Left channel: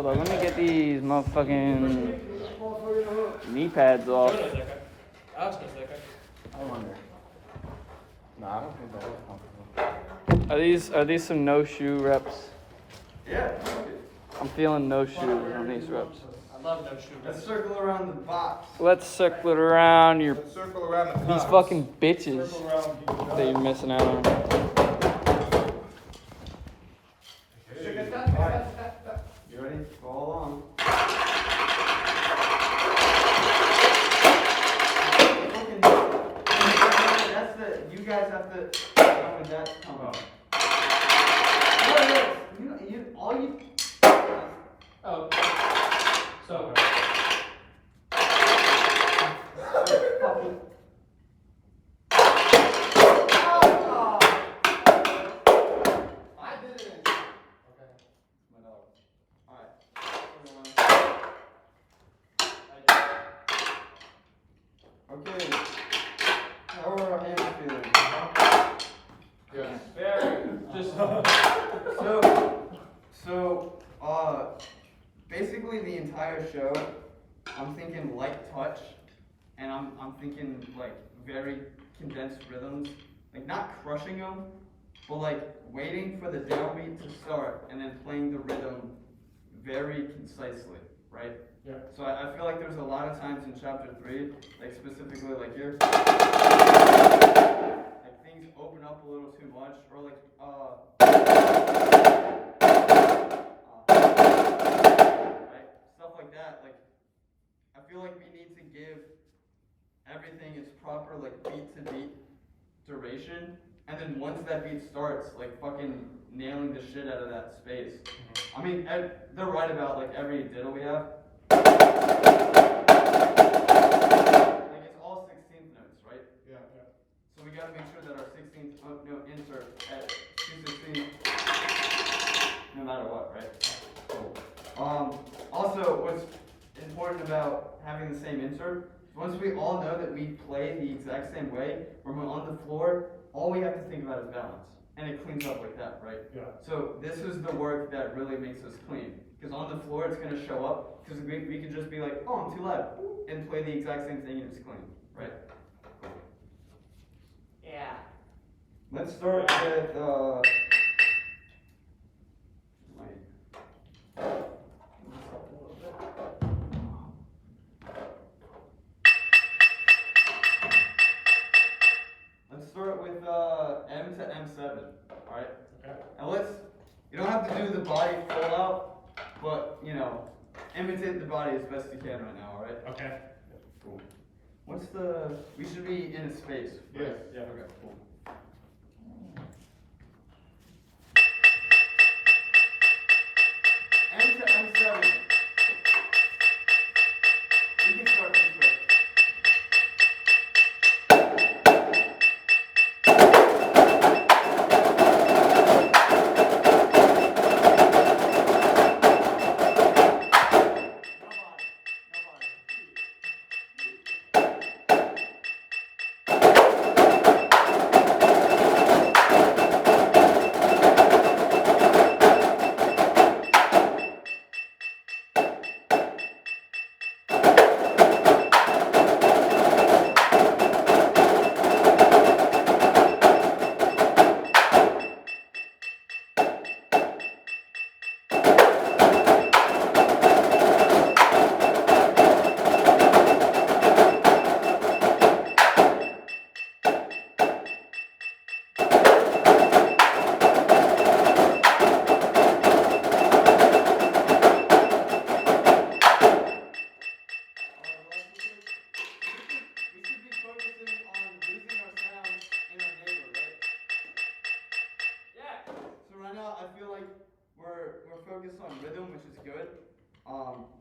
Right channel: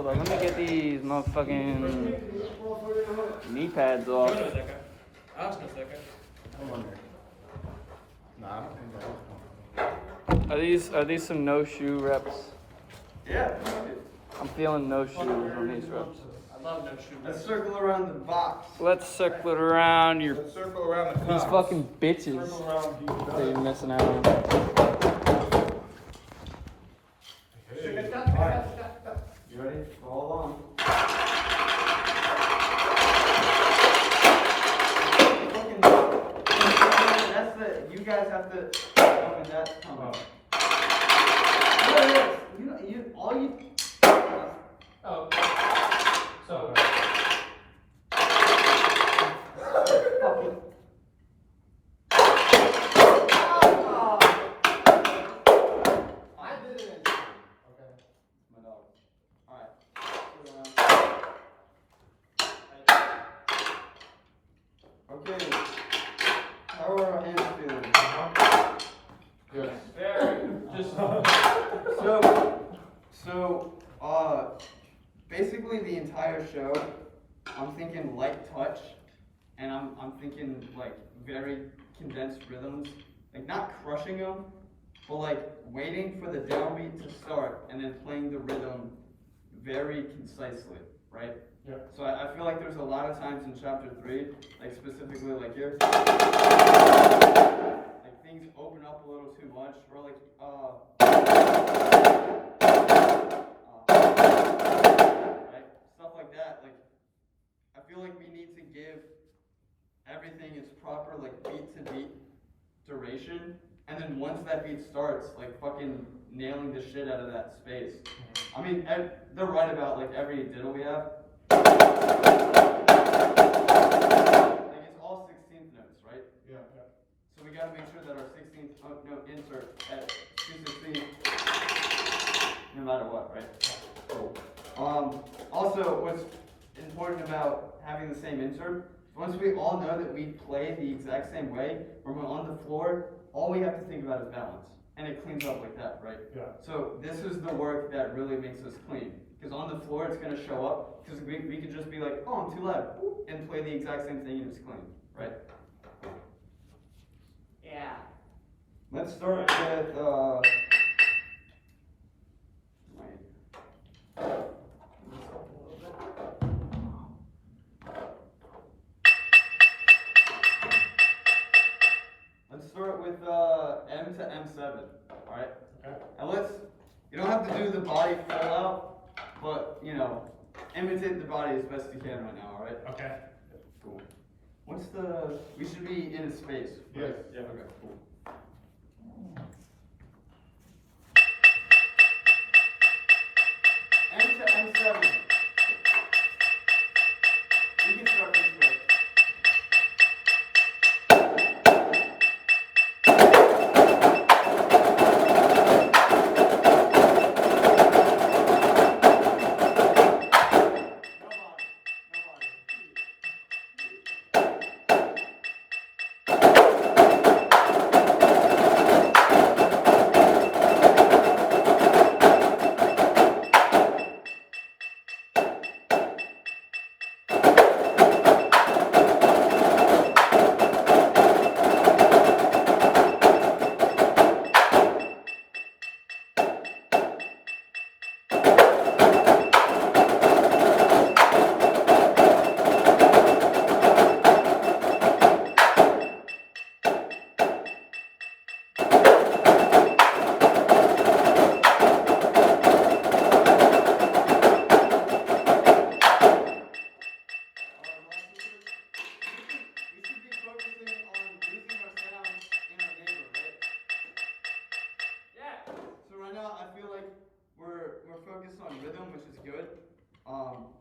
Hold on, let me get these motherfucking knee pads off. Ask a second. Are these some no shoe reps? Yeah. I'm feeling no shoe on these reps. I love no shoe. Let's circle around the box. Let's circle it around your Let's circle around the these fucking bitches Circle around that you're missing out on. Alright. You ready? Follow along. That's the. You guys have to. When that's coming. No, you all you. Oh. So. Fucking. I did it. Okay. My dog. Alright. Okay. How are our hands feeling? Good. Very. Just. Basically the entire show, I'm thinking light touch, and I'm thinking like very condensed rhythms, like not crushing them, but like waiting for the downbeat to start and then playing the rhythm very concisely, right? Yeah. So I feel like there's a lot of times in chapter 3, like specifically like here, like things open up a little too much, or like right? Stuff like that. Like I feel like we need to give everything its proper like beat to beat duration, and then once that beat starts, like fucking nailing the shit out of that space. I mean, they're right about like every diddle we have. Like it's all 16th notes, right? Yeah. So we gotta make sure that our 16th note insert at 216, no matter what, right? Cool. Also, what's important about having the same insert, once we all know that we play the exact same way, when we're on the floor, all we have to think about is balance. And it cleans up like that, right? Yeah. So this is the work that really makes us clean. Because on the floor, it's going to show up. Because we could just be like, oh, I'm too loud. And play the exact same thing and it's clean, right? Yeah. Let's start with, let's start with M to M7, alright? Okay. And you don't have to do the body full out, but, imitate the body as best you can right now, alright? Okay. Cool. We should be in a space. Right? Yes. Yeah. Okay, cool. M to M7. You can start this way.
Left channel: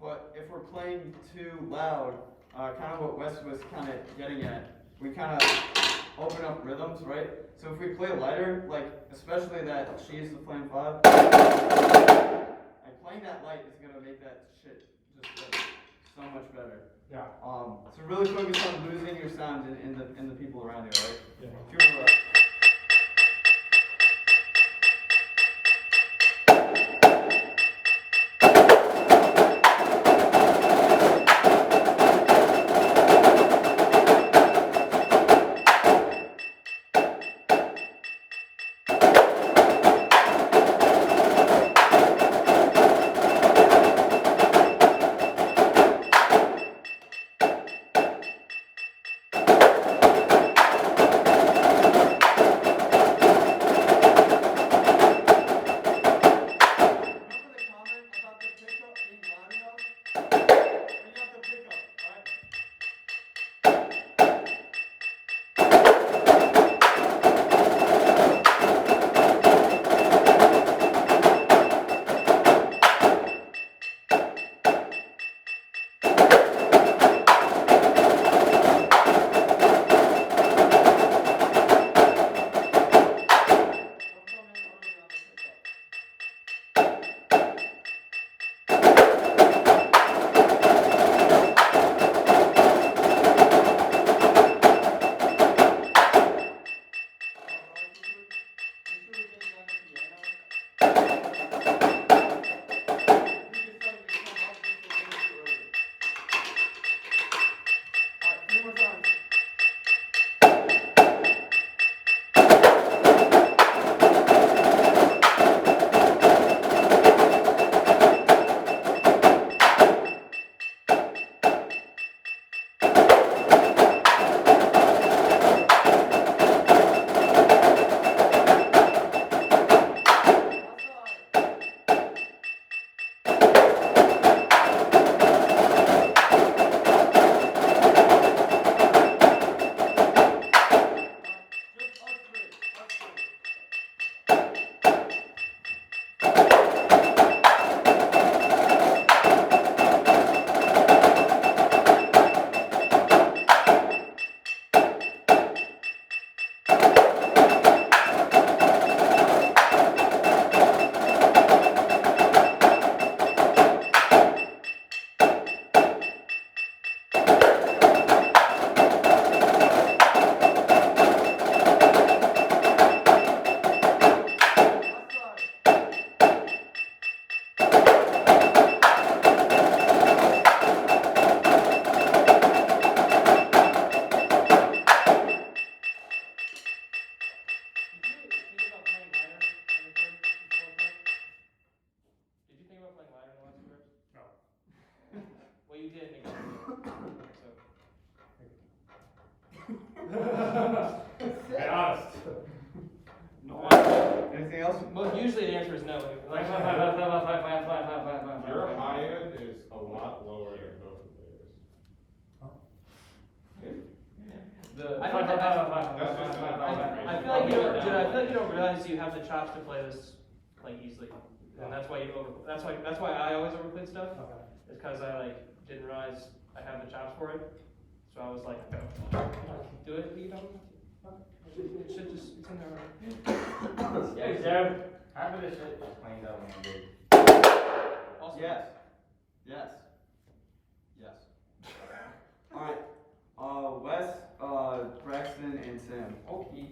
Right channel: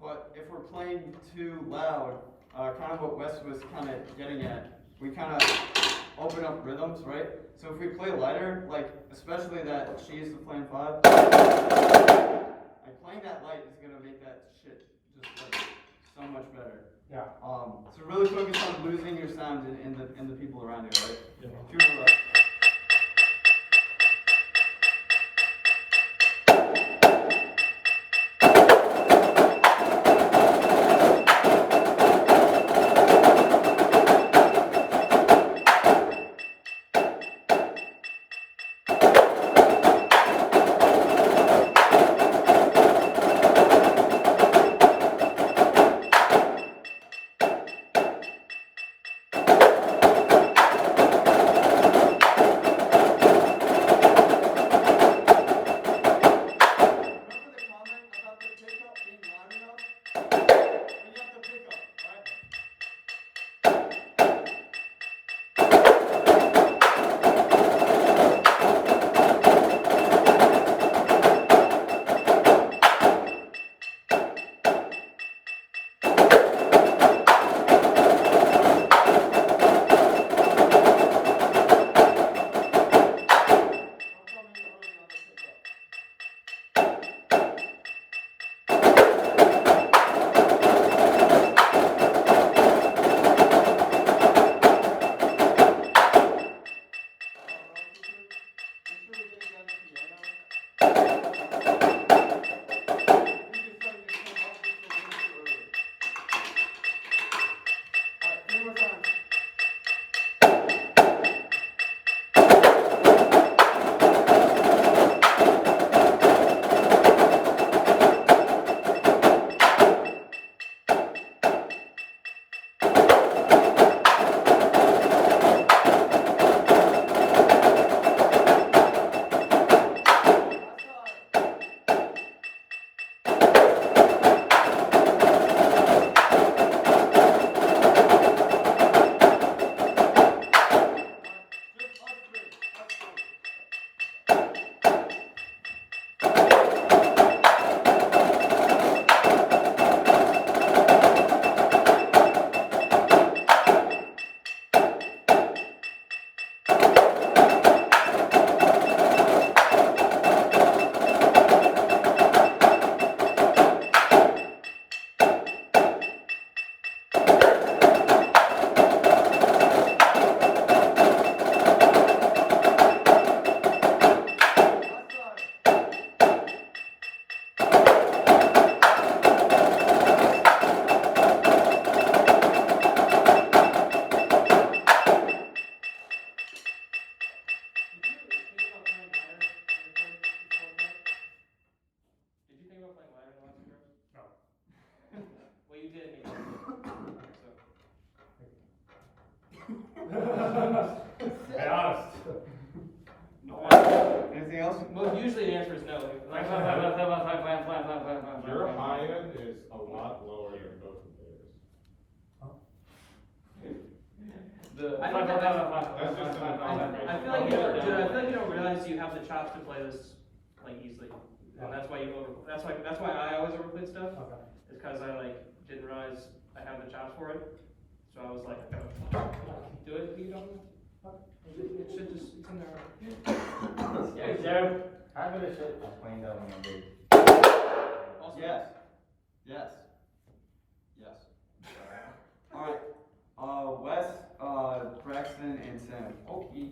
But if we're playing too loud, kind of what Wes was kind of getting at, we kind of open up rhythms, right? So if we play lighter, like especially that she is the playing 5, like playing that light is gonna make that shit just like so much better. Yeah. So really focus on losing your sound in the people around you, right? Yeah. If you were, you didn't make it. Be honest. No. Anything else? Well, usually the answer is no. Like, Your high end is a lot lower than both of theirs. I feel like you don't, dude, I feel like you don't realize you have the chops to play this like easily, and that's why you that's why I always overplayed stuff. It's because I like didn't realize I have the chops for it, so I was like, I can do it, but you don't. It should just it's in there. Yeah, Jared, half of the shit I'm playing that one big. Also, Yes. Yes. Yes. Alright. Wes, Braxton, and Sam. Okay.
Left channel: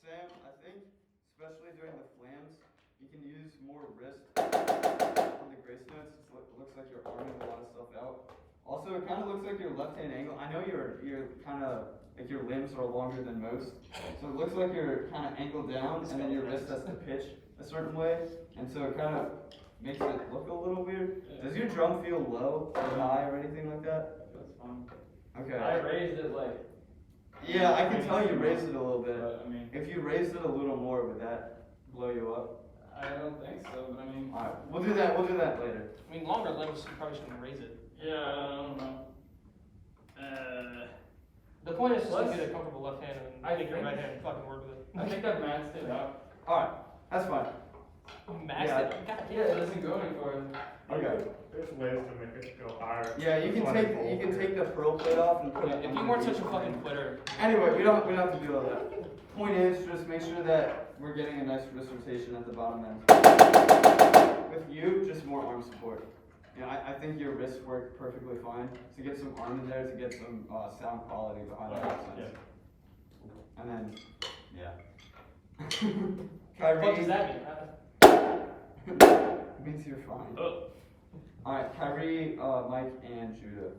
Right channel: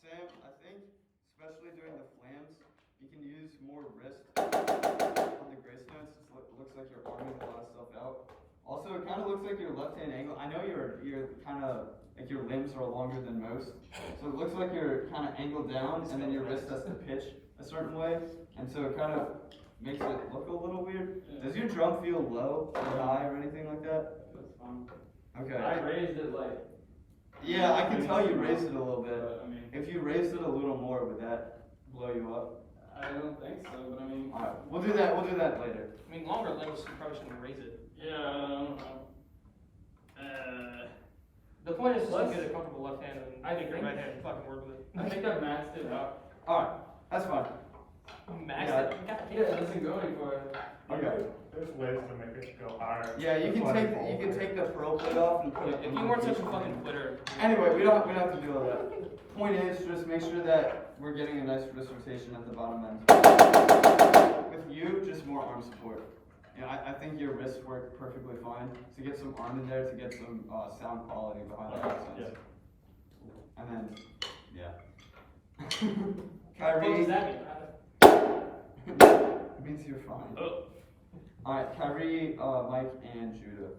Sam, I think, especially during the flams, you can use more wrist on the grace notes. It looks like you're arming a lot of stuff out. Also, it kind of looks like your left-hand angle. I know you're kind of, like your limbs are longer than most. So it looks like you're kind of angled down, and then your wrist has to pitch a certain way. And so it kind of makes it look a little weird. Does your drum feel low or high or anything like that? That's fine. Okay. I raised it like. Yeah, I can tell you raised it a little bit. But, I mean, If you raised it a little more, would that blow you up? I don't think so, but I mean. Alright, we'll do that later. I mean, longer limbs, you probably shouldn't raise it. Yeah, I don't know. The point is just to Let's- get a comfortable left hand and I make your think- right hand fucking work with it. I think I've maxed it out. Alright, that's fine. Max Yeah. it. Yeah, it doesn't go any farther. Okay. There's ways to make it go higher. Yeah, you can take the pearl plate off and put it If on you the weren't such a beach. fucking quitter. Anyway, we don't have to do all that. Point is, just make sure that we're getting a nice wrist rotation at the bottom end. With you, just more arm support. Yeah, I think your wrists work perfectly fine. To get some arm in there, to get some sound quality behind the accents. And then, yeah. What Kyrie. does that mean? It means you're fine. Oh. Alright, Kyrie, Mike, and Judah.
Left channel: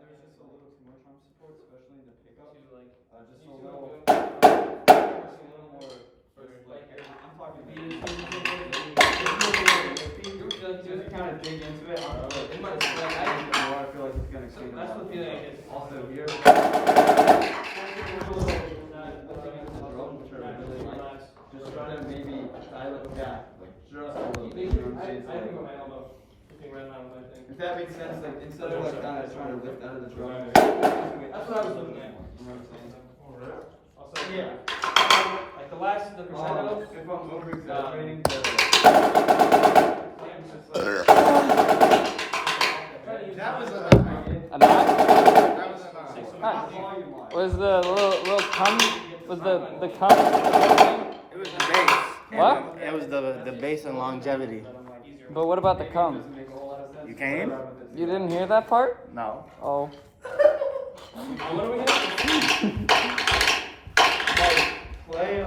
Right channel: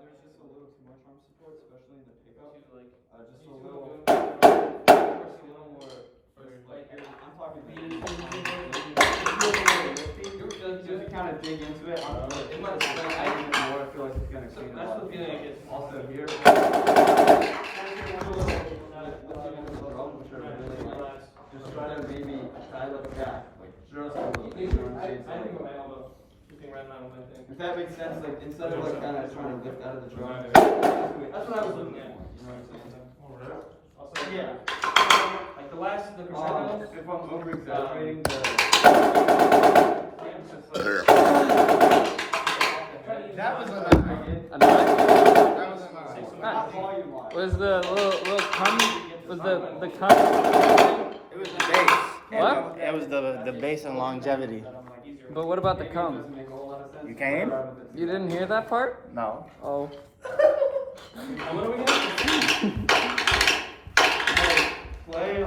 There's just a little too much arm support, especially in the pickup. Just a little more, like, I'm talking beat. Just kind of dig into it. It might like, I need it more. I feel like it's gonna exceed. That's the feeling I get. Also here. Lifting into the drum, which are really light. Just try to maybe dial it back, like just a little bit. You know what I'm saying? So, I think like, with my elbow. Keeping right now with my thing. if that makes sense, like instead of like kind of trying to lift out of the drum. That's what I was looking at. You know what I'm saying? Also, Yeah. like the last, the crescendo. If I'm over exaggerating the. That was a A knot? That was a lie. Not volume wise. Was the little cum? Was the cum? It was the base. What? It was the base and longevity. But what about the Maybe it cum? doesn't make a whole lot of sense. You came? You didn't hear that part? No. Oh. What are we gonna Play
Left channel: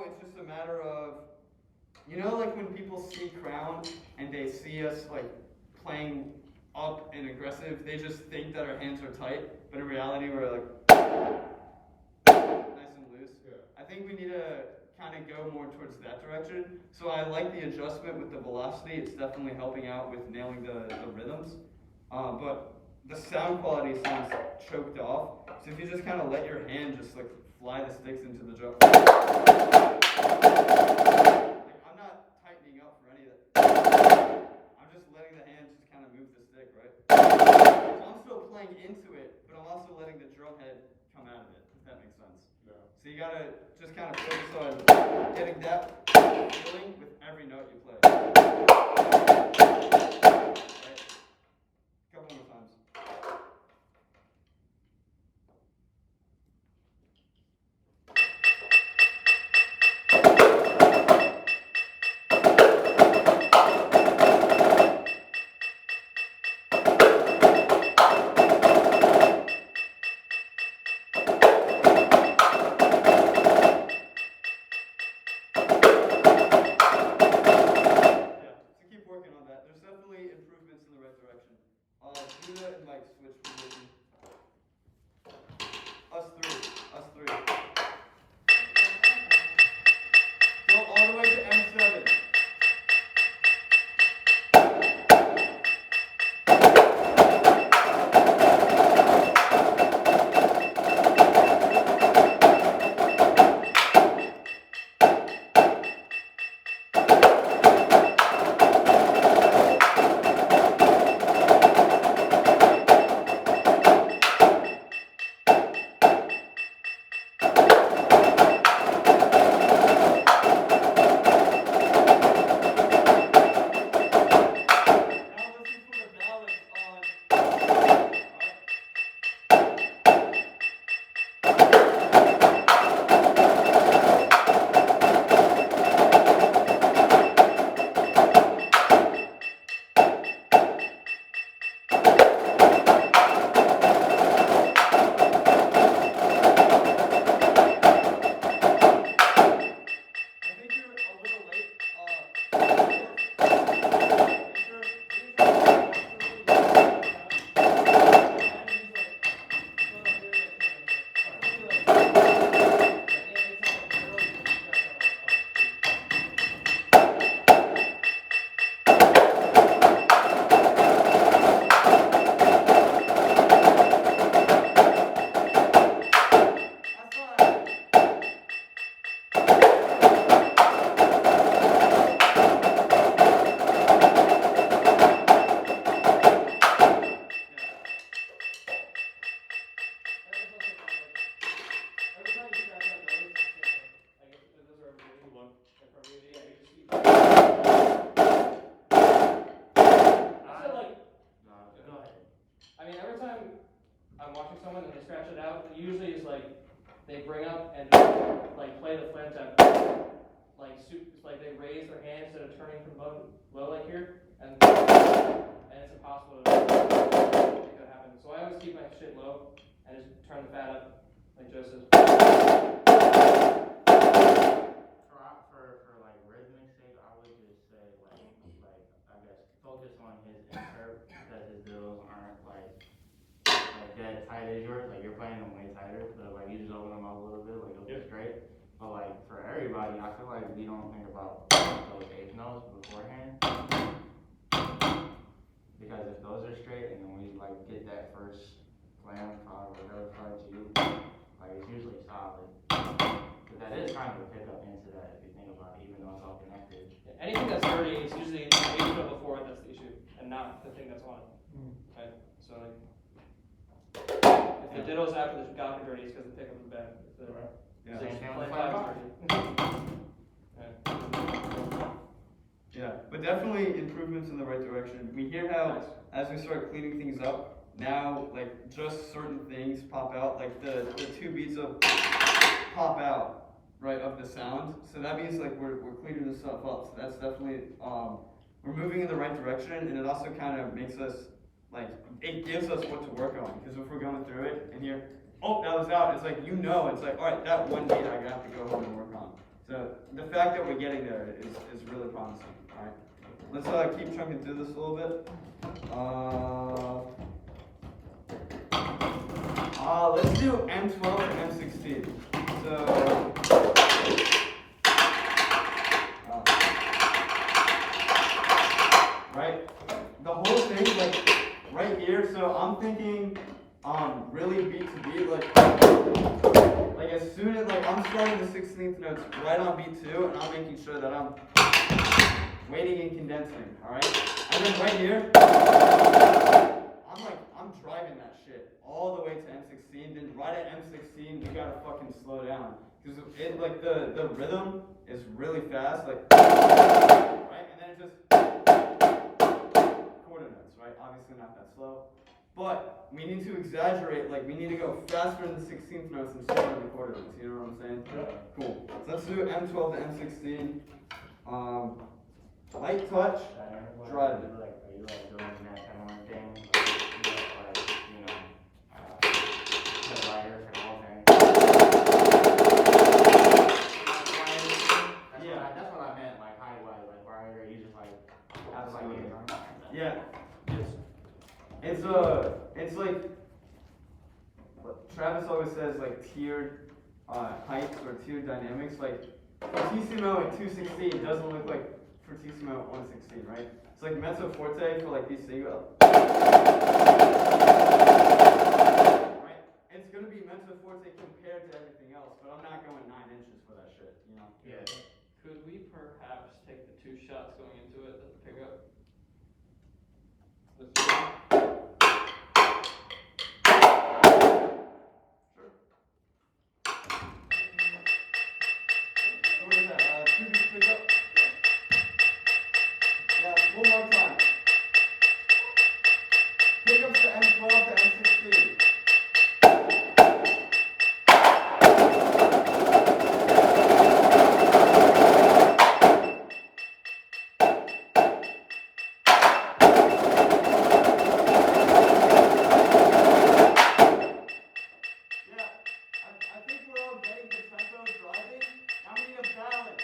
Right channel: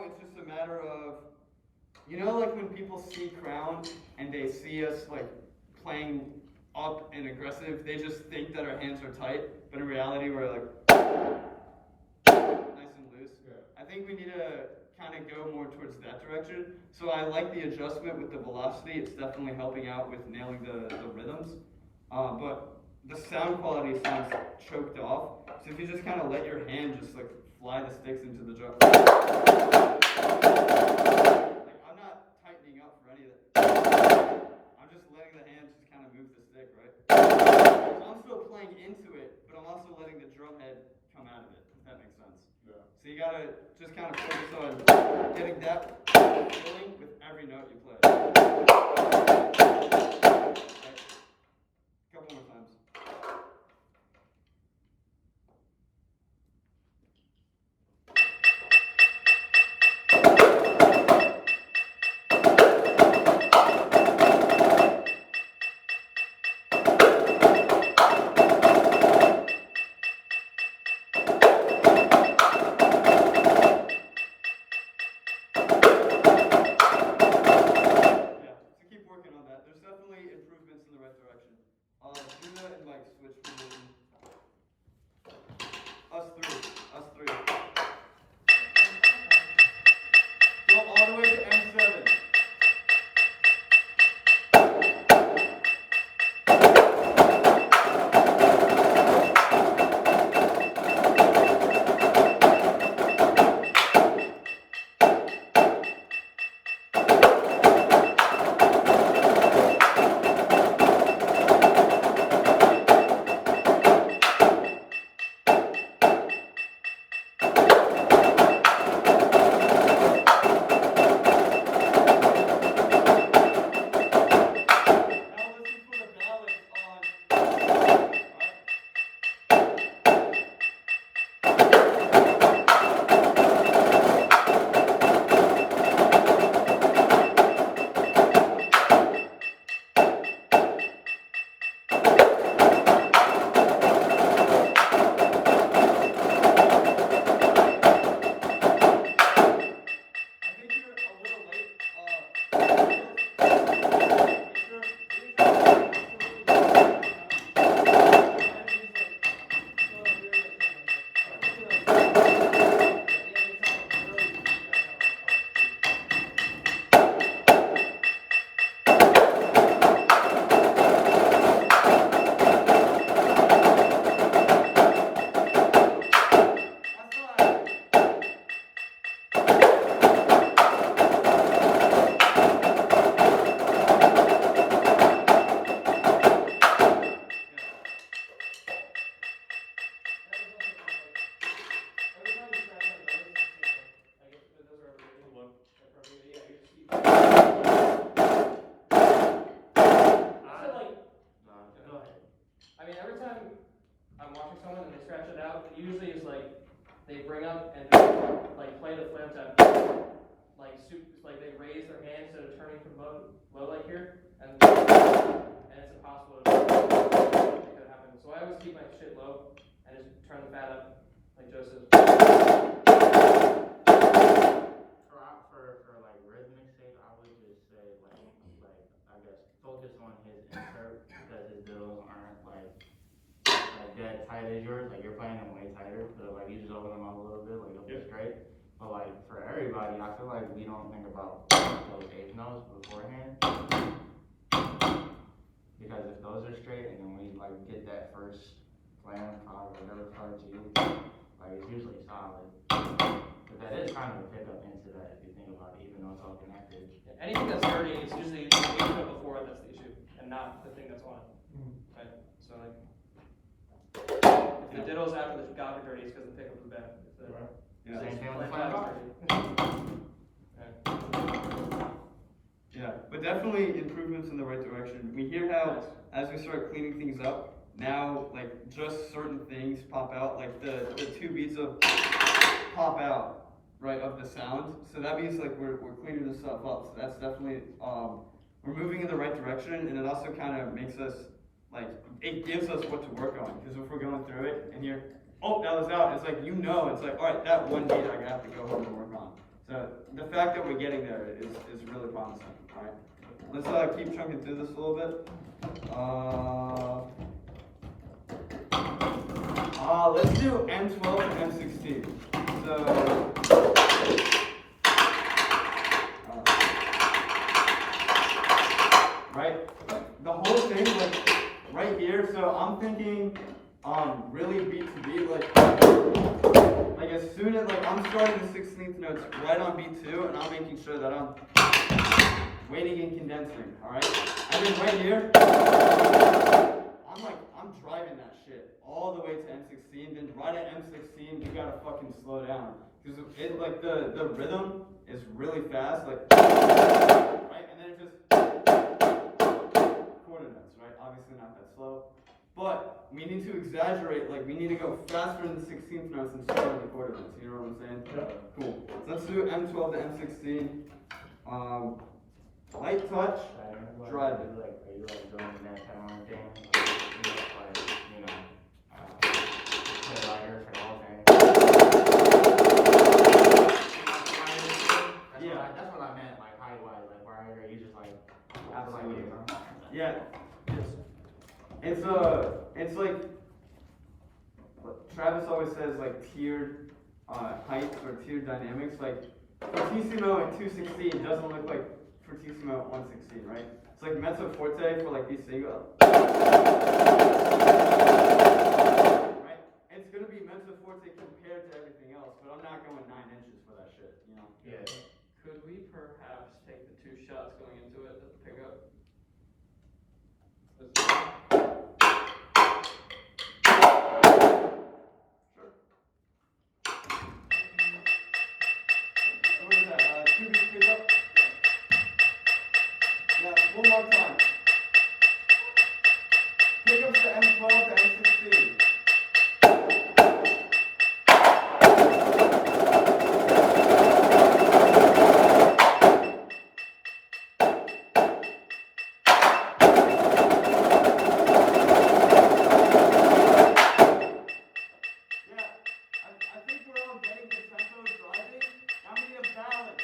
now it's just a matter of, you know, like when people see Crown and they see us like playing up and aggressive, they just think that our hands are tight, but in reality we're like nice and loose. Yeah. I think we need to kind of go more towards that direction. So I like the adjustment with the velocity. It's definitely helping out with nailing the rhythms. But the sound quality sounds choked off. So if you just kind of let your hand just like fly the sticks into the drum. Like, I'm not tightening up for any of that. I'm just letting the hand just kind of move the stick, right? So I'm still playing into it, but I'm also letting the drum head come out of it, if that makes sense. Yeah. So you gotta just kind of focus on getting that feeling with every note you play. Right? Couple more times. Yeah, so keep working on that. There's definitely improvements in the right direction. Judah and Mike switch position. Us three. Go all the way to M7. Now listen for the balance on. I think you're a little late. That's fine. I mean, every time I'm watching someone and they scratch it out, it usually is like they bring up and just, like play the flat tap, like they raise their hand instead of turning from low like here, and it's impossible to make that happen. So I always keep my shit low and just turn the fat up like Joseph. For like rhythmic sake, I would just say like I guess focus on his insert because his diddles aren't like dead tight as yours. Like you're playing them way tighter, but like you just open them up a little bit, like it'll be straight. But like for everybody, I feel like we don't think about those eighth notes beforehand because if those are straight and then we like get that first plan, whatever parts you like it's usually solid. But that is kind of a pickup into that if you think about it, even though it's all connected. Anything that's dirty is usually the intro before that's the issue, and not the thing that's on. Right? So like, if the ditto's after the gop are dirty, it's because the pickup is bad. If the Yeah. Same thing with the flat flat top's dirty. Yeah, but definitely improvements in the right direction. We hear how, as we start cleaning things up, now, like, just certain things pop out, like the two beats of pop out, right, of the sound. So that means, like, we're cleaning this stuff up. So that's definitely, we're moving in the right direction, and it also kind of makes us, like, it gives us what to work on. Because if we're going through it, and here, oh, that was out, it's like, you know, it's like, all right, that one beat I have to go home and work on. So So the fact that we're getting there is really promising. All right, let's keep chunking through this a little bit. Let's do M12 to M16. So, right, the whole thing, like, right here, so I'm thinking, really beat to beat, like as soon as, like, I'm starting the 16th notes right on beat 2, and I'm making sure that I'm waiting and condensing, alright? And then right here, I'm driving that shit all the way to M16, then right at M16, you gotta fucking slow down. Because it, like, the rhythm is really fast, like, right? And then it just, quarter notes, right? Obviously not that slow. But we need to exaggerate, like, we need to go faster in the 16th notes and slower in the quarter notes, you know what I'm saying? Yeah. Cool. So let's do M12 to M16. Light touch, drive it. Are you like doing that kind of thing? Like, you know, play lighter for the whole thing? That's what I meant, like height-wise, like where you just like, Absolutely. Yeah. It's like what Travis always says, like tiered heights or tiered dynamics. Like fortissimo at 216 doesn't look like fortissimo at 116, right? It's like mezzo forte for like these single. Right? It's gonna be mezzo forte compared to everything else, but I'm not going 9 inches for that shit, you know? Yeah. Could we perhaps take the 2 shots going into it as a pickup? So what is that? 2 beats pickup? Yeah, one more time. Pickups to M12 to M16. I think we're all getting the tempo driving. Now we need a balance.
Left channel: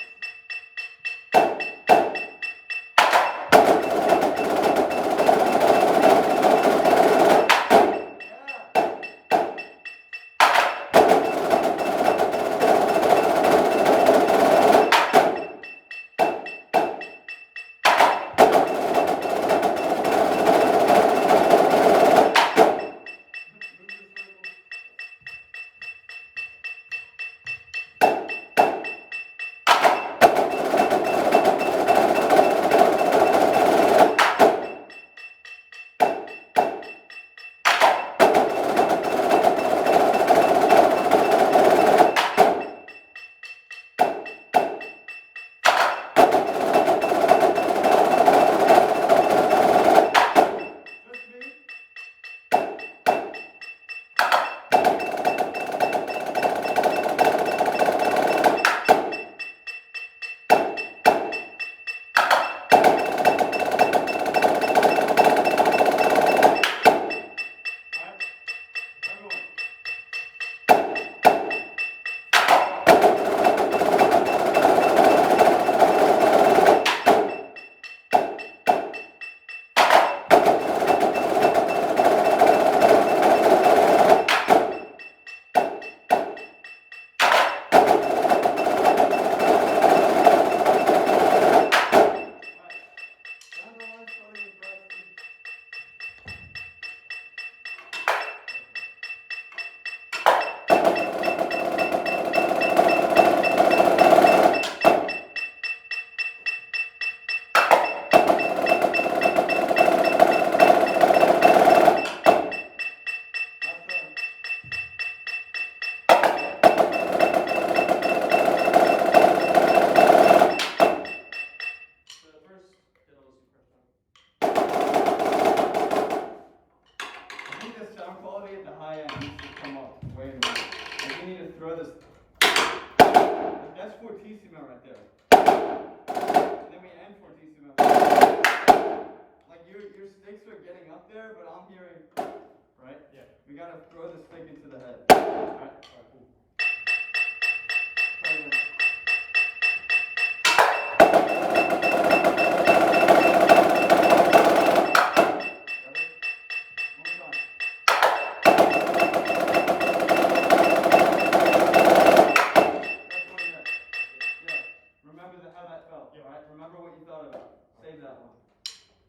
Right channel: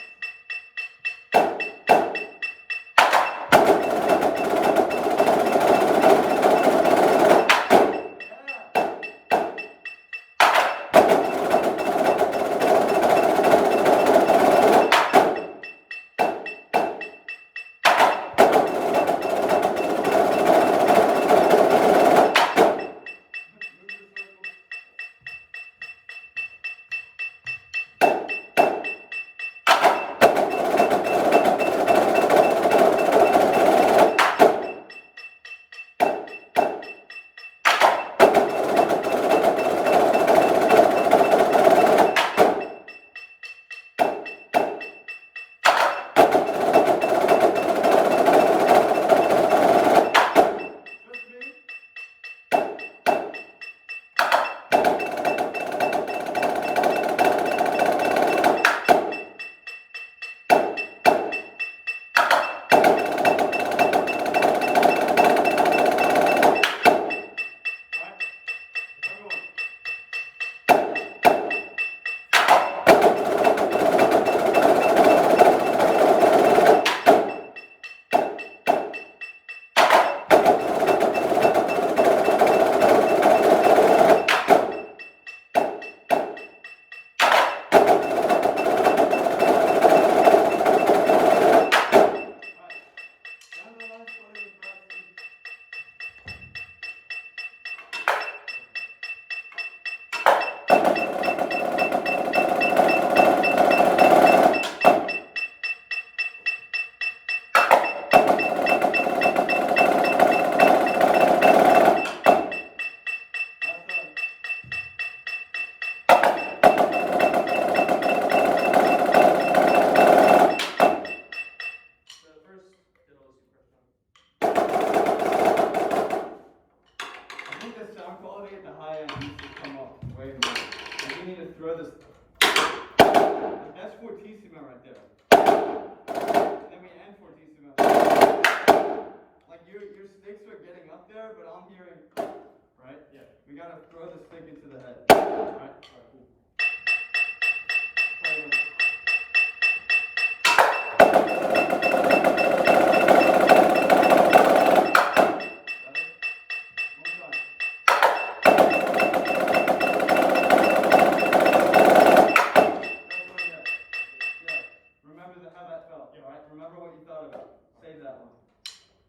remember how that felt, Yeah. alright? Remember what you thought about. Save that one.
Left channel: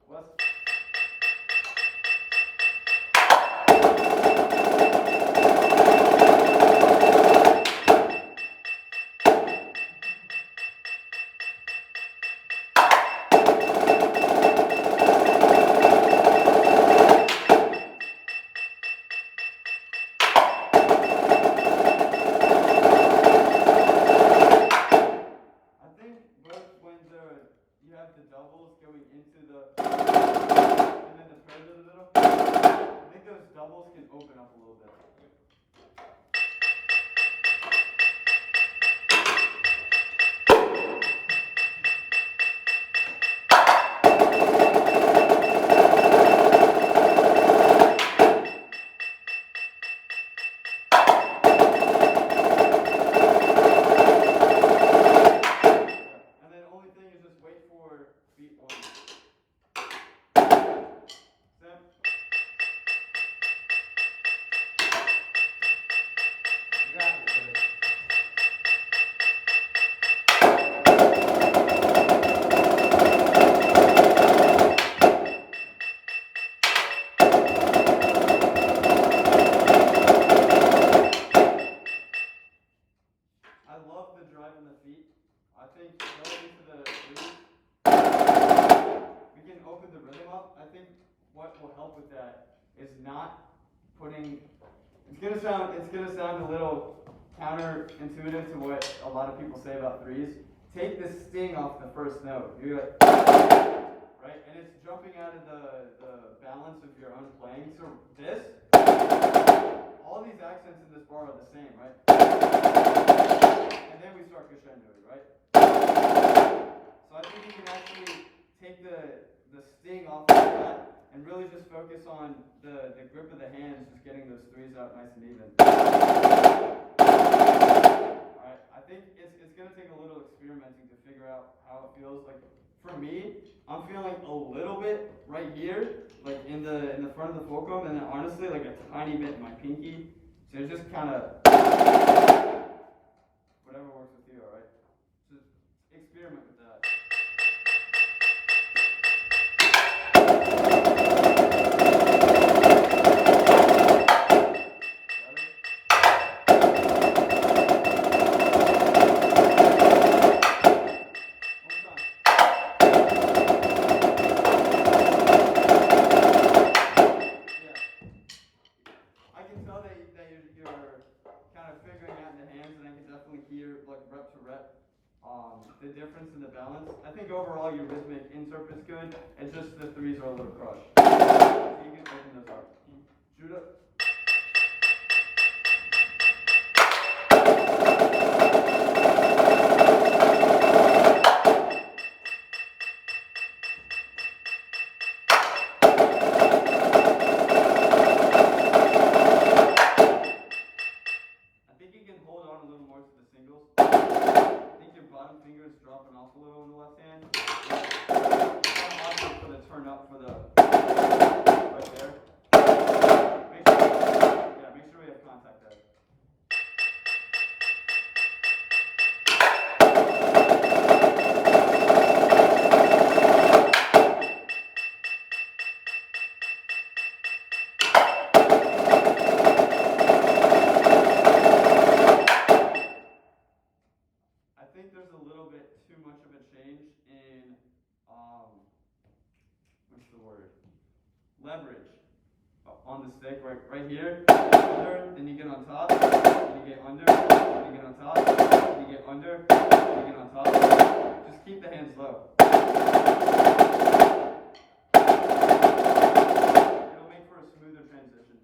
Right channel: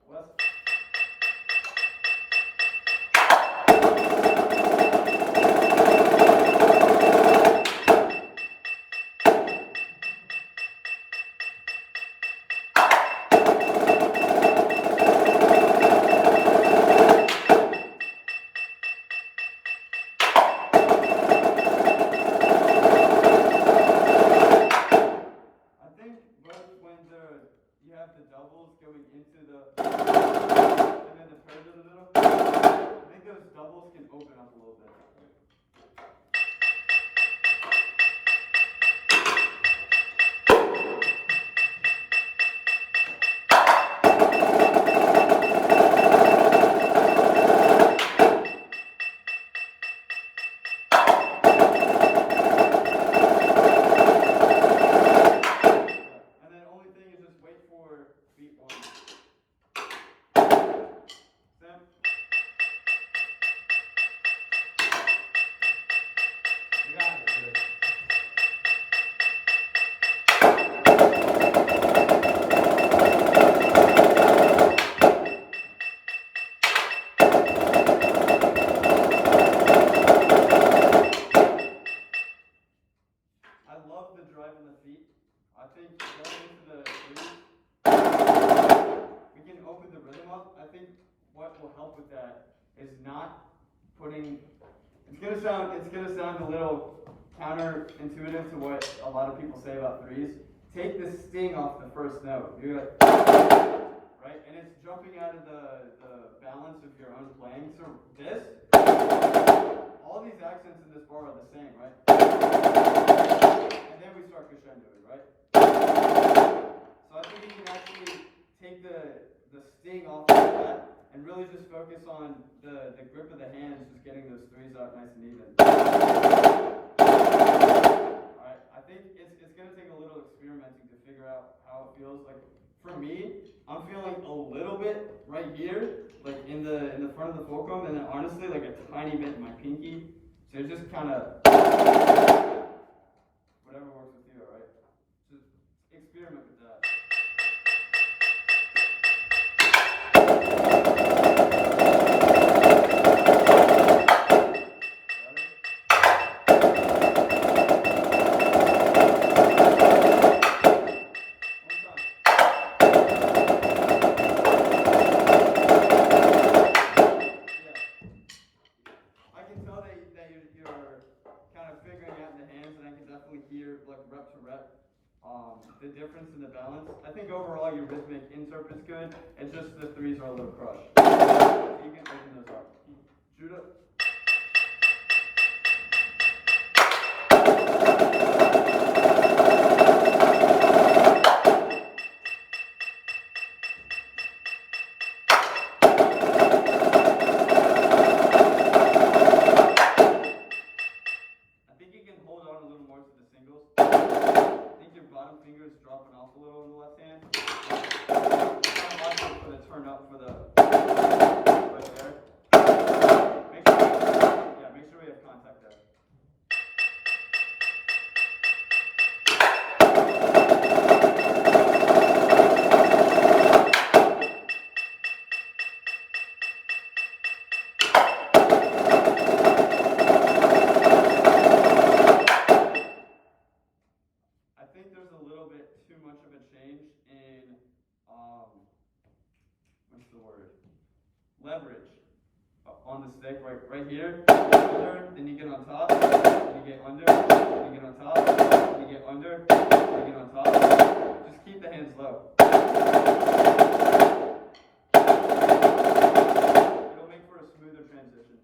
Wes? I think both when you have the doubles going into the and then the turns in the middle, I think those doubles can open up a little bit. And then only thing is just wait for beat one. Sam? You got it, dude. I love the drive in the feet. I think going into the threes, we can open the rhythm up. I think what will help with that is not putting. It's gonna sound a little counterintuitive to what a lot of people say about threes. Take the sting off the first note. You're like, right, and it's jumping out of the balance of your own playing. So this, all these accents in this bar are the same, right? And then we start crescendoing, right? So I think you can actually take the sting off of that and really just focus on the grip of the hands, just getting those threes out nice and even. Alright, I think it's gonna take a little experimenting to figure out how it feels. Like for me, I'm feeling a little bit right here, like in the front of the fulcrum, and then honestly like a tiny bit in my pinky. So it's just kinda whatever works with you, alright? Just experiment with that. The difference in the balance. I think overall your rhythmic interpret's good. It's just the threes are a little crushed. So you can open those up. Judah. I think you can hold on a little more to the singles. I think your bottom finger is dropping off a little in the left hand. Kind of watch for the turn up for the right there. Make sure we have contact there. I think there's a little bit too much of a change in, what's the word? Leverage on the stick, right here. Under, then you get on top, then you get under, then you get on top, then you get under, then you get on top. Just keep the hands low. It'll make for a smoother transition.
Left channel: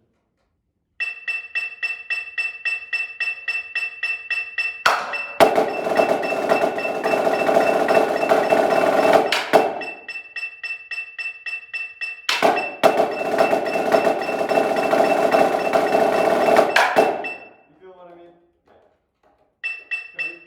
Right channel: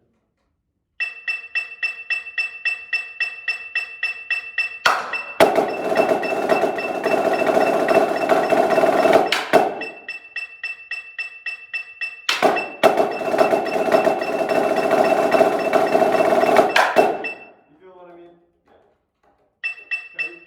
You feel what I mean? Cody?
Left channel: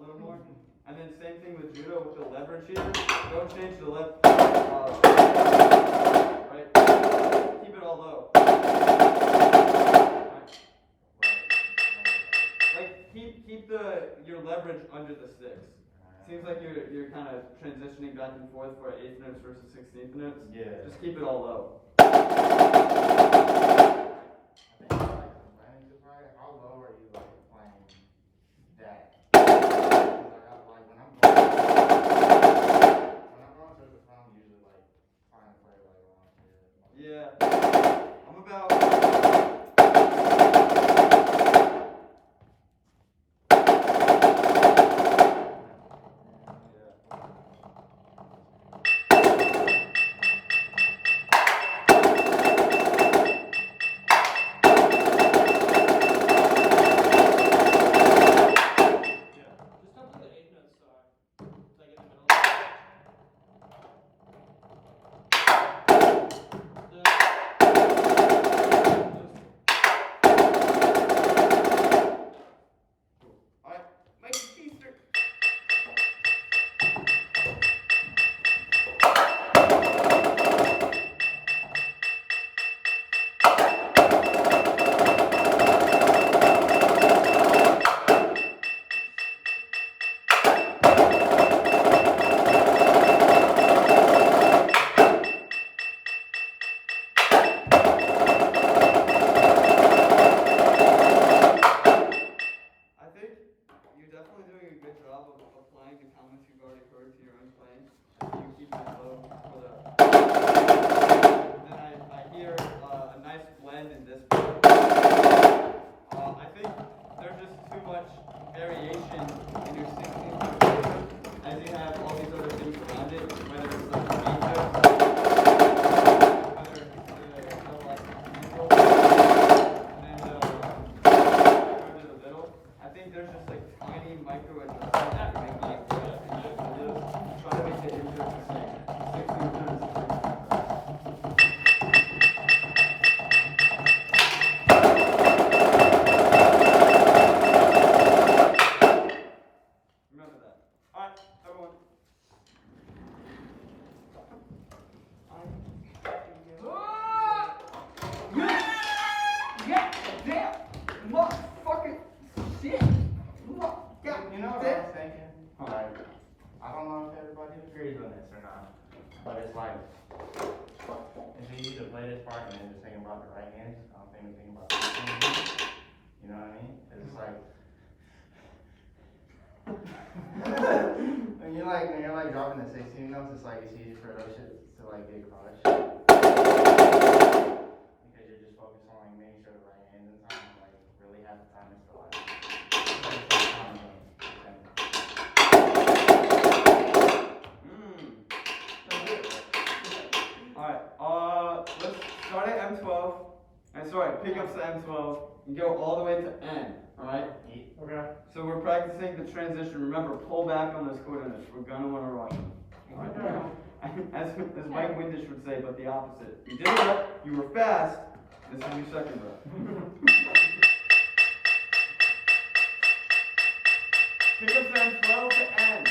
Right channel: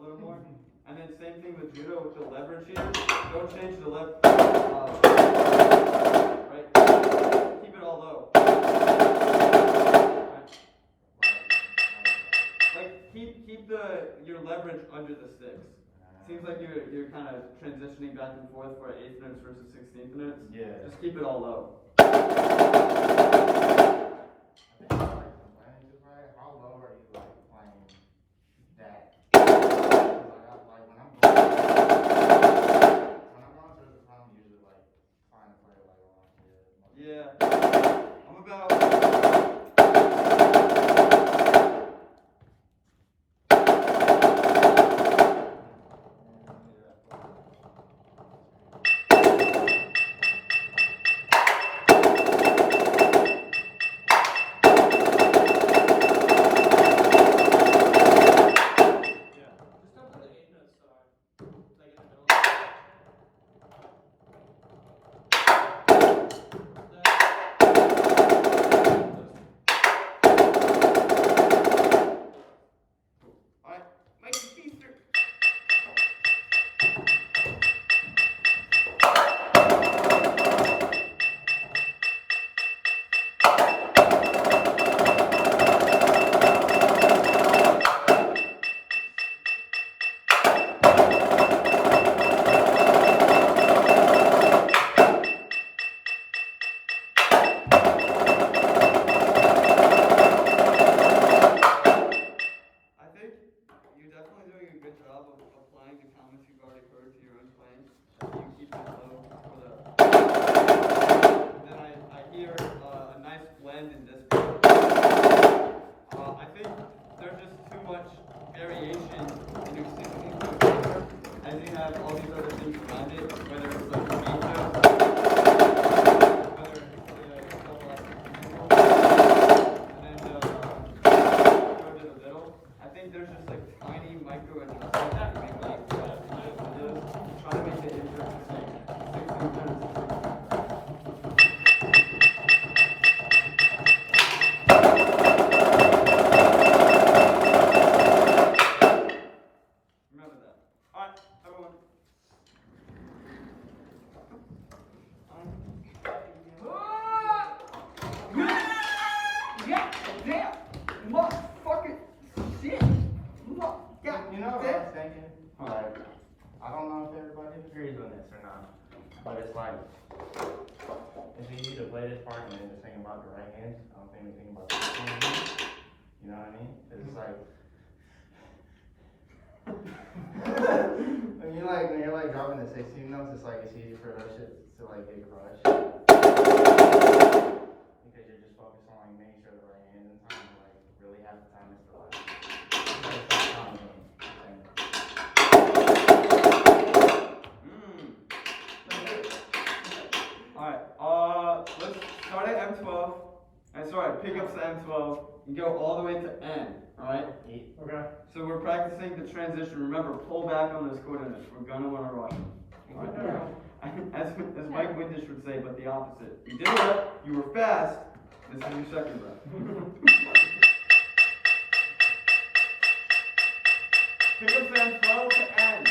little more. And then same thing with judo with the leverage here. Don't change the right? Keep it all low. Like keep your leverage under the sticks. Seems like you're kind of transitioning back and forth for 8th notes versus 16th notes. Yeah. Just keep it all low. I think like playing just right. How low are you like playing that? Like when I'm going to the front, I'm usually like trying to play like along here. Yeah. I'm about. Just don't play the 8 note star. Like in the middle. Alright, Mike Feaster. I think you're definitely doing a good job of applying the comments you've already heard to your own playing. You keep it low for the. Then I hear a nice blend in this part. I think there's just too much variation in your 16th note as you have all these other things around it, whether it's like the main note, whether it's like and then go to the middle. I think there's just like tiny micro adjustments that you make like try to make the insert the same. 16 times. Remember that. Alright, everyone. Yeah, damn, motherfucking shit. You know what I was thinking? Like, I don't know if everybody agrees on this or not, but it's like, it's easy to play this part and then just think about the right hand. I don't think we think about the left hand. You know what I mean? It's like, when you're like dropping the 16 notes, it's like it's easy for those shit to like get crushed. Because you're just focused on like making sure the right hand's in time, and, like really half the time it's the like, Alright, let's start at M12. Sorry, pick up to M12 and go all the way to N. Alright? Okay. So we're practicing the transition. Remember, pull back on those coordinates. We're gonna want to rush them. Alright? As Mike Windish would say, but the opposite. You did it, you were fast. This is your second breath. Pick up to M12 to N.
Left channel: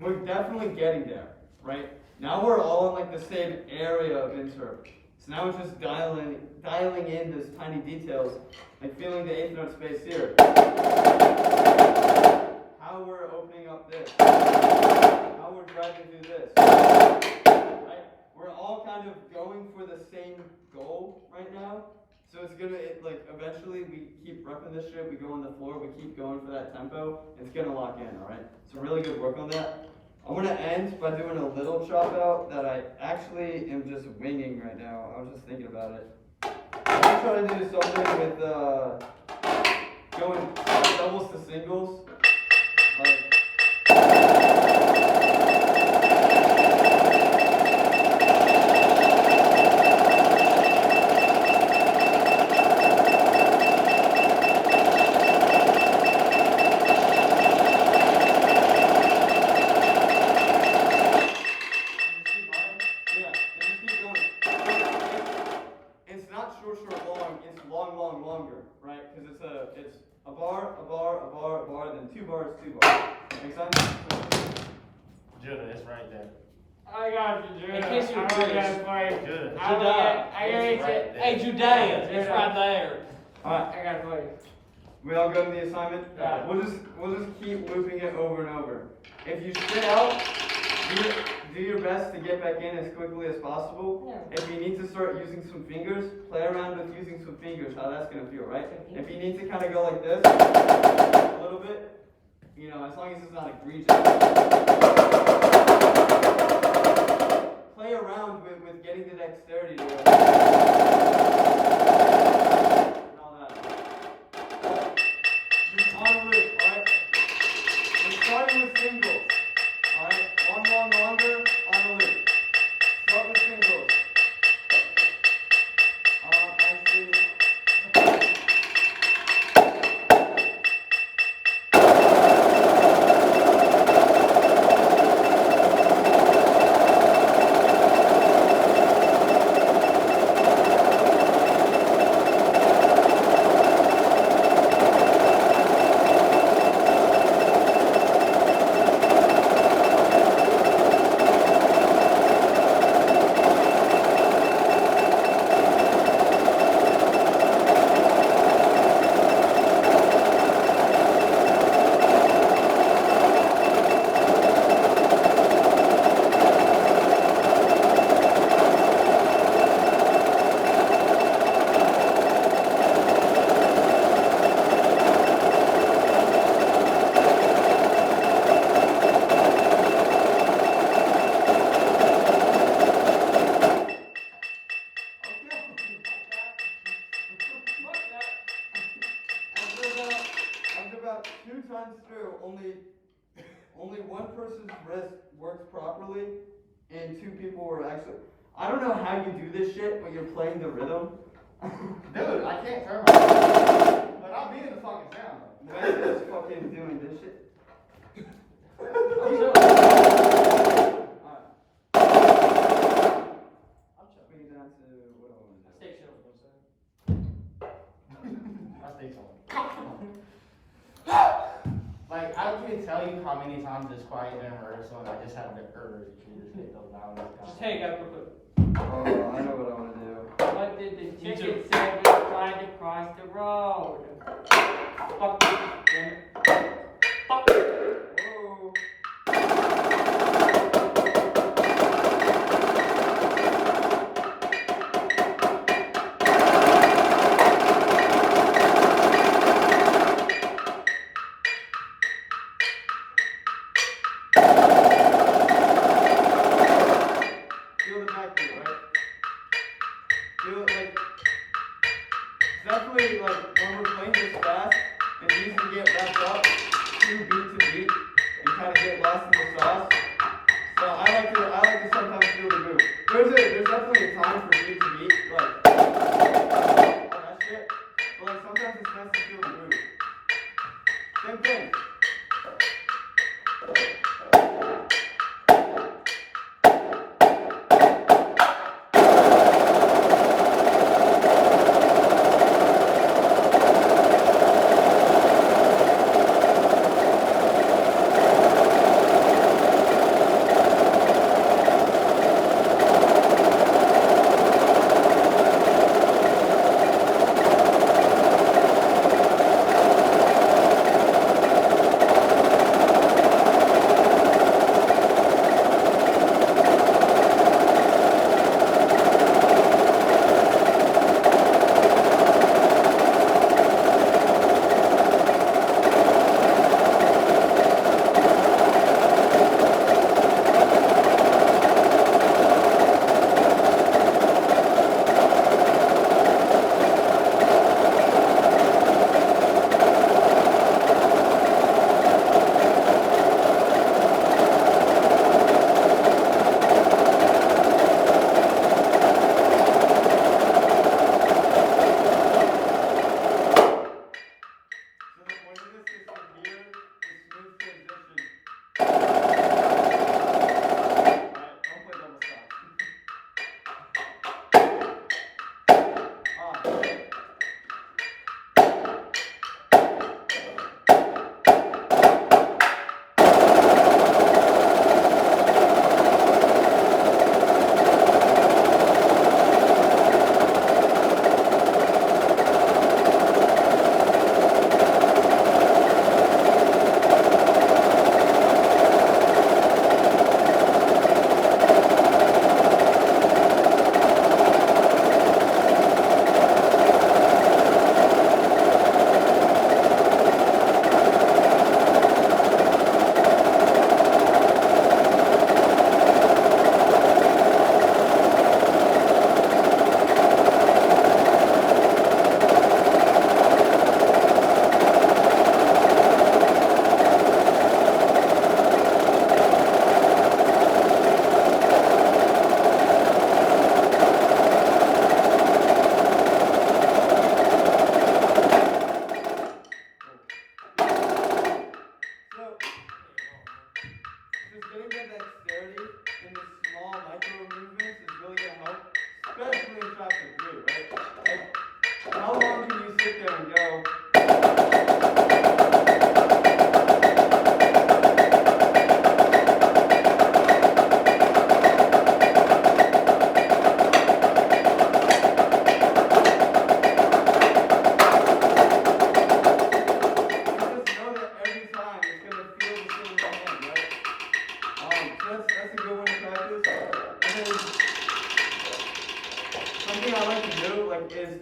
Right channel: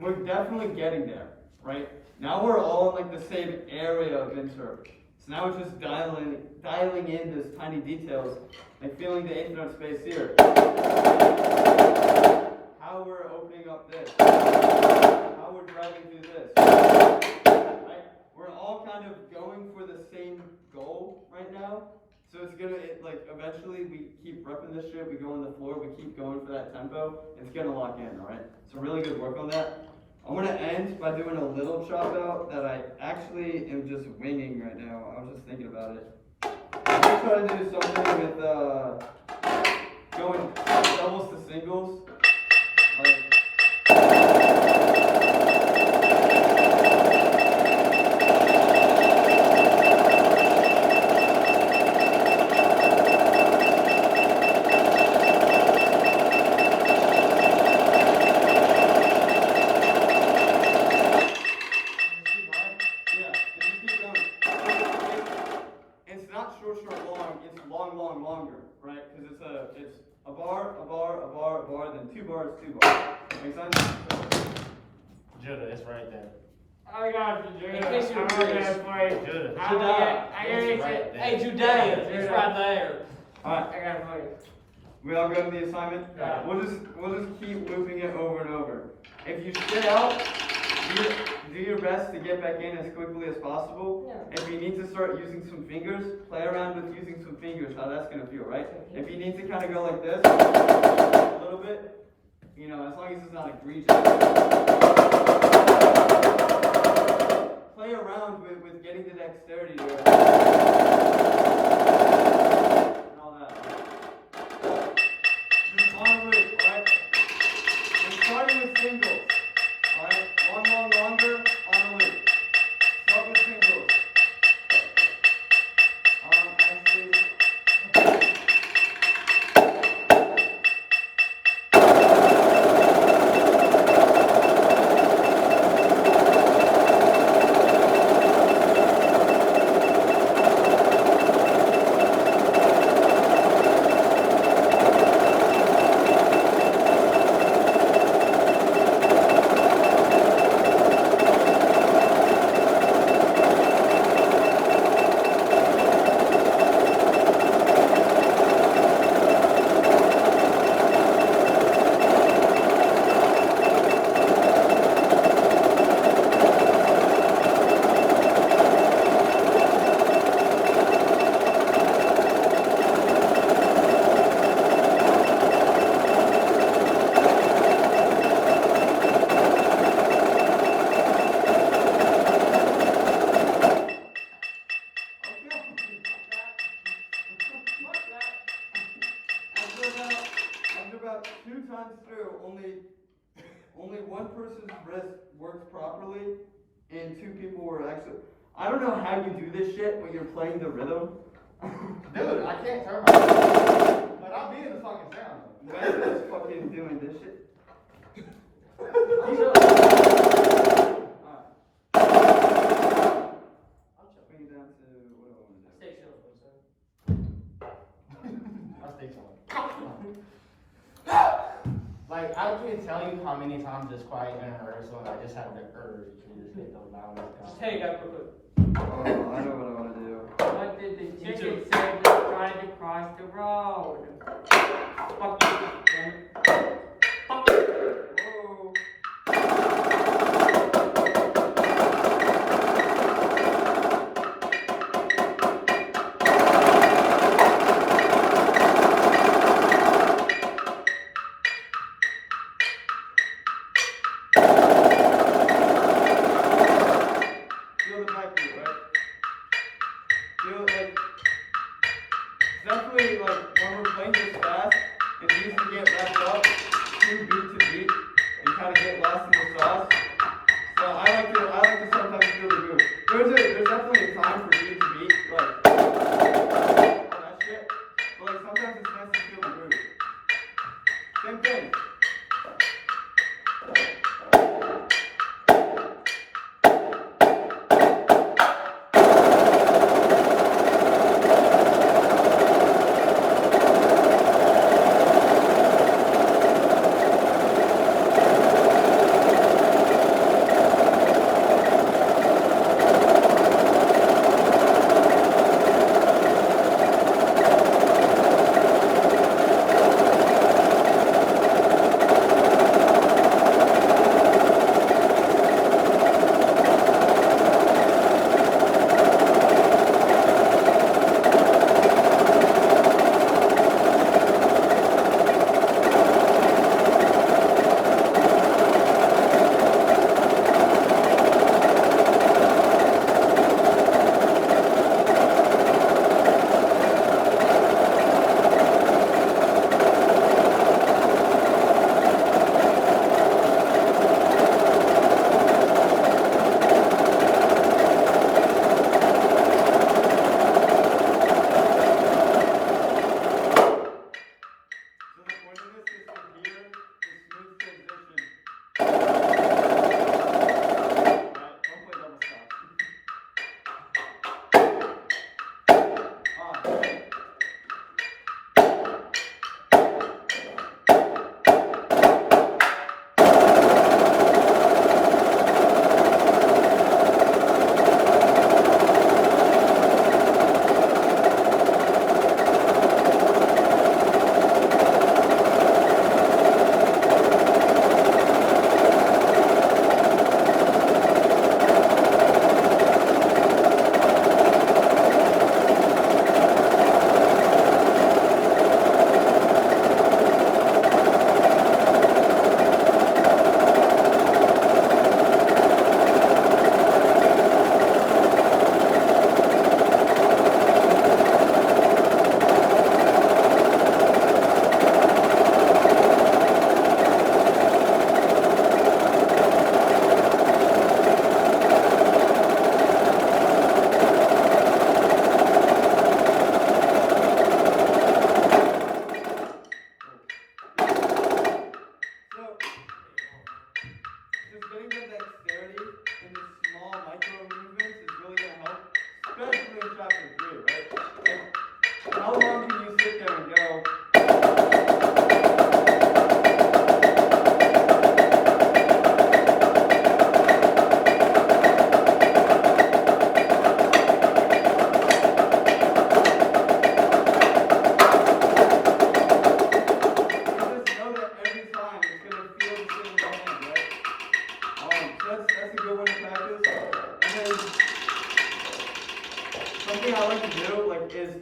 we're definitely getting there, right? Now we're all in like the same area of insert. So now it's just dialing in those tiny details, like feeling the eighth note space here. How we're opening up this. How we're driving through this. Right? We're all kind of going for the same goal right now. So it's gonna, like, eventually we keep repping this shit, we go on the floor, we keep going for that tempo, it's gonna lock in, alright? So really good work on that. I'm gonna end by doing a little chop out that I actually am just winging right now. I was just thinking about it. I'm gonna try to do something with, going doubles to singles. Like, longer, right? Because it's a bar, then 2 bars, 2 bars. Make sense? Judah, it's right there. I got you, Judah. In case you I'm were gonna curious. play. Judah. I It's right there. Hey, Judea, it's right there. Alright, I gotta play. we all go to the assignment? Yeah. We'll just keep looping it over and over. If you sit out, do your best to get back in as quickly as possible. Yeah. If you need to start using some fingers, play around with using some fingers, how that's gonna feel, right? If you need to kind of go like this, a little bit, you know, as long as it's not egregious. Play around with getting the dexterity to it. And all that. Just on loop, alright? We're starting with singles. Alright? Longer, on a loop. Start with singles. Actually. After about 2 times through, only one person's wrist worked properly, and 2 people were actually. I don't know how you do this shit when you're playing the rhythm. Dude, I can't turn my. But I'll be in the fucking sound. Wes is fucking doing this shit. Alright. Bring it down to what do I want to do? Stay chill, I think so. Like, I can't tell you how many times it's quiet in rehearsal, and I just have the urge to just hit the loudest guy. Just hey, guys, real quick. Oh, I know what I want to do. What did the Me chicken too. say was trying to cross the road? Fuck you, damn it. Fuck you. Whoa. Feel the backbeat, right? Feel it like, definitely like when we're playing this fast, it needs to get wrapped up 2 beat to beat and kind of get lost in the sauce. So I like to sometimes feel the groove. There's definitely a time for beat to beat, like all that shit. But like sometimes it's nice to feel the groove. Same thing.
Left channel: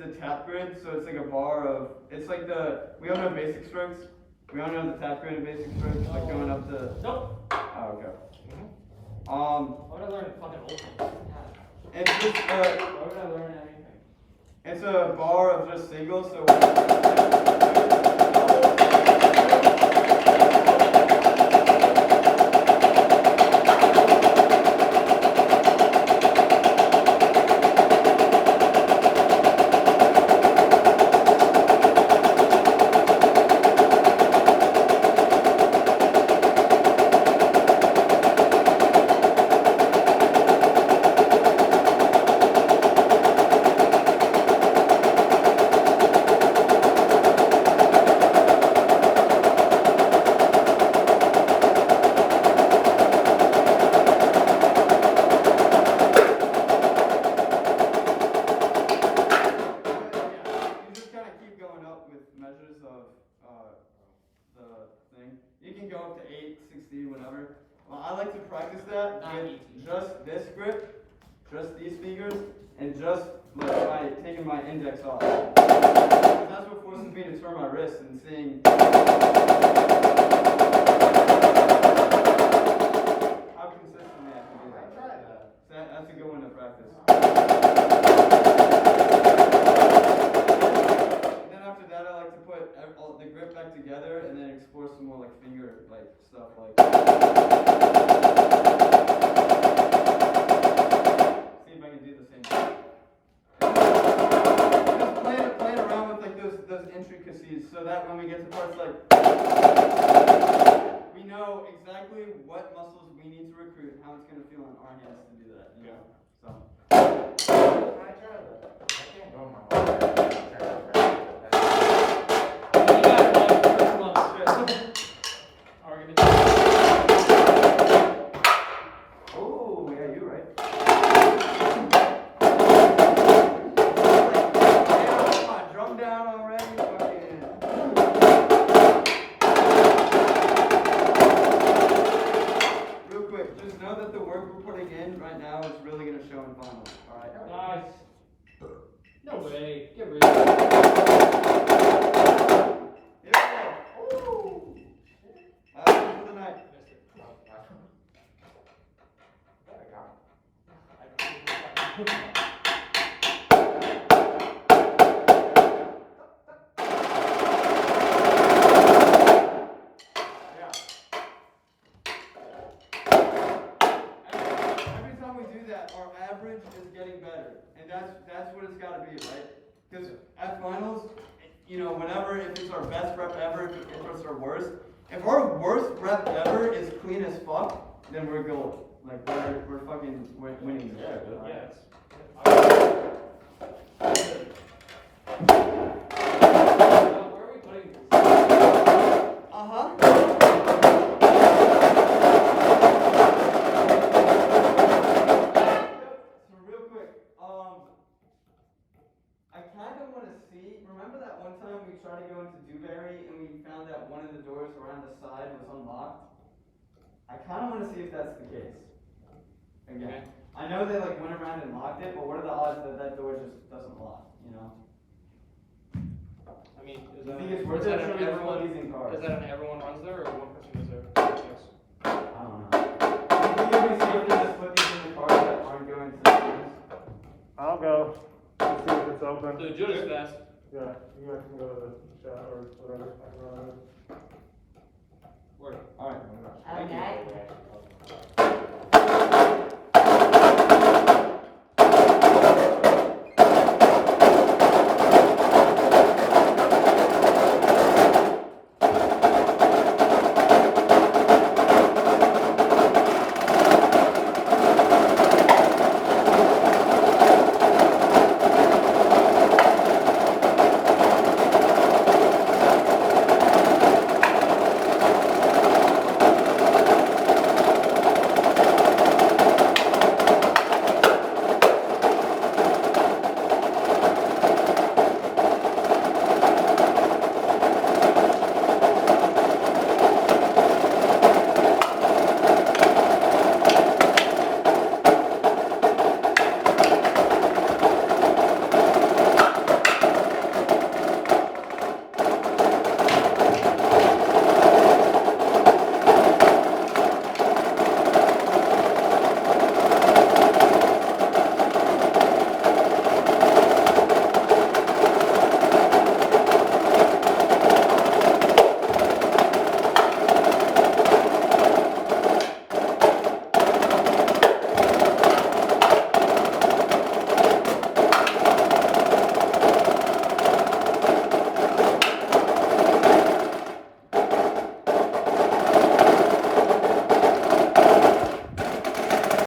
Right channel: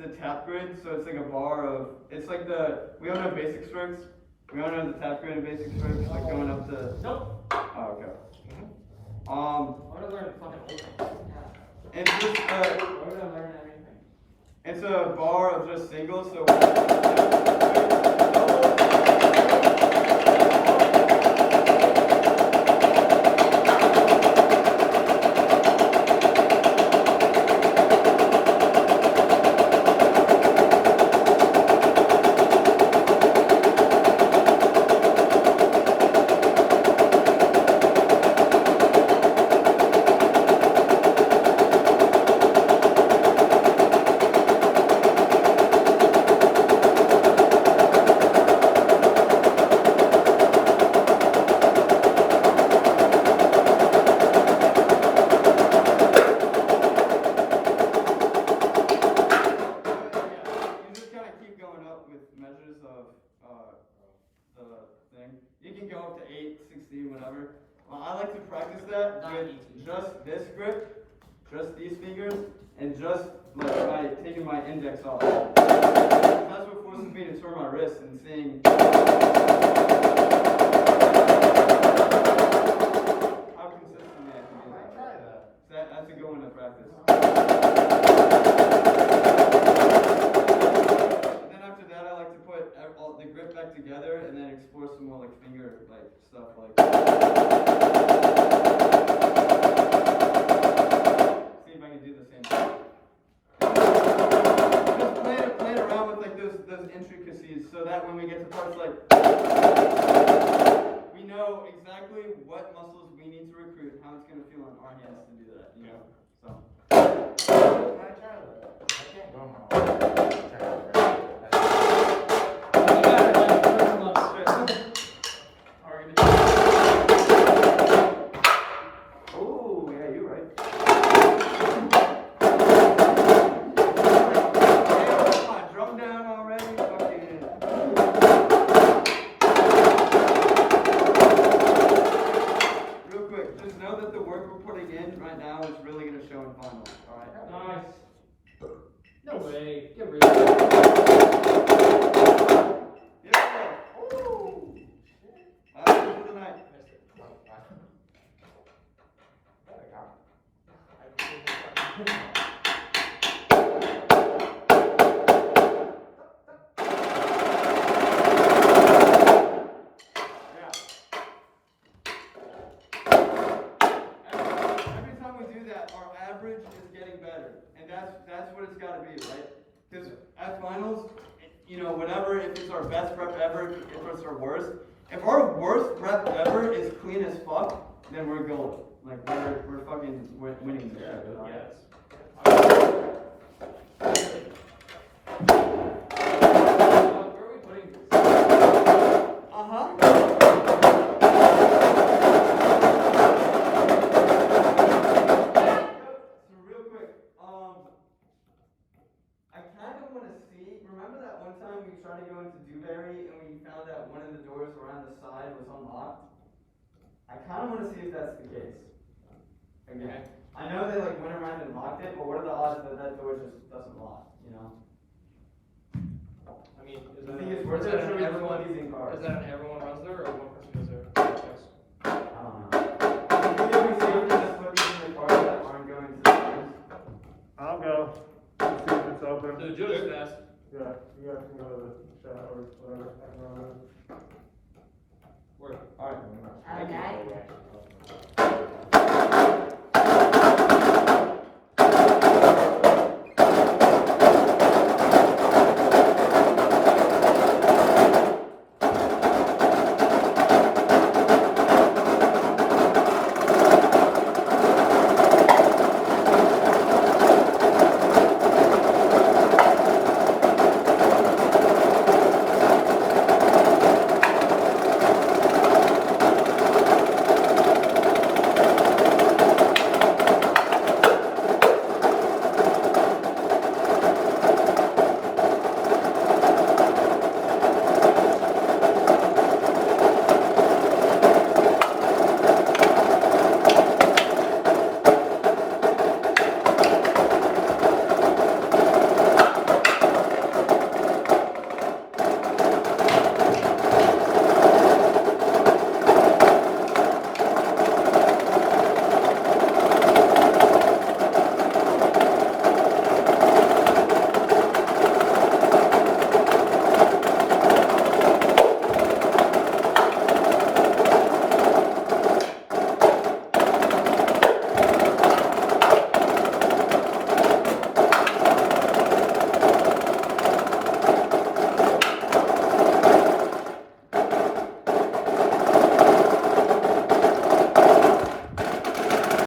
the tap grid, so it's like a bar of, it's like we all know basic strokes. We all know the tap grid and basic strokes, like going up to. Nope. Oh, okay. I would have learned fucking old things. It's just Why would I learn everything? it's a bar of just singles, so. You just kind of keep going up with measures of the thing. You can go up to 8, 16, whatever. Well, I like to practice that with just this grip, just these fingers, and just like taking my index off. That's what forces me to turn my wrist and seeing how consistently I can do that. Try that. That's a good one to practice. And then after that, I like to put all the grip back together and then explore some more like finger stuff like. See if I can do the same thing. Just play it around with like those intricacies so that when we get to parts like we know exactly what muscles we need to recruit and how it's going to feel on our hands to do that. You know, so. I try that. I can't go on my own. Oh, yeah, you're right. Come on, drum down already. Fucking. Real quick, just know that the work we're putting in right now is really going to show in finals. All right. Nice. No way. Get rid of it. Here we go. Ooh. Last one for the night. Every time we do that, our average is getting better, and that's what it's got to be, right? Because at finals, you know, whenever if it's our best rep ever, if it's our worst, if our worst rep ever is clean as fuck, then we're gold. Like we're fucking winning this shit. Right? Yes. Where are we putting this? So real quick, I kind of want to see. Remember that one time we tried to go into Dewberry and we found that one of the doors around the side was unlocked? I kind of want to see if that's the case. Again, I know they like went around and locked it, but what are the odds that that door just doesn't lock? You know. I mean, The thing is, we're just everyone using cars. Is that an everyone runs there or one person goes there? Yes. I don't know. Do you think it'd be safe to just put these in the cars that aren't going to the schools? I'll go. See if it's open. So do it fast. Yeah, you guys can go to the chat or whatever. I can run it. Work. All right. Okay. Thank you.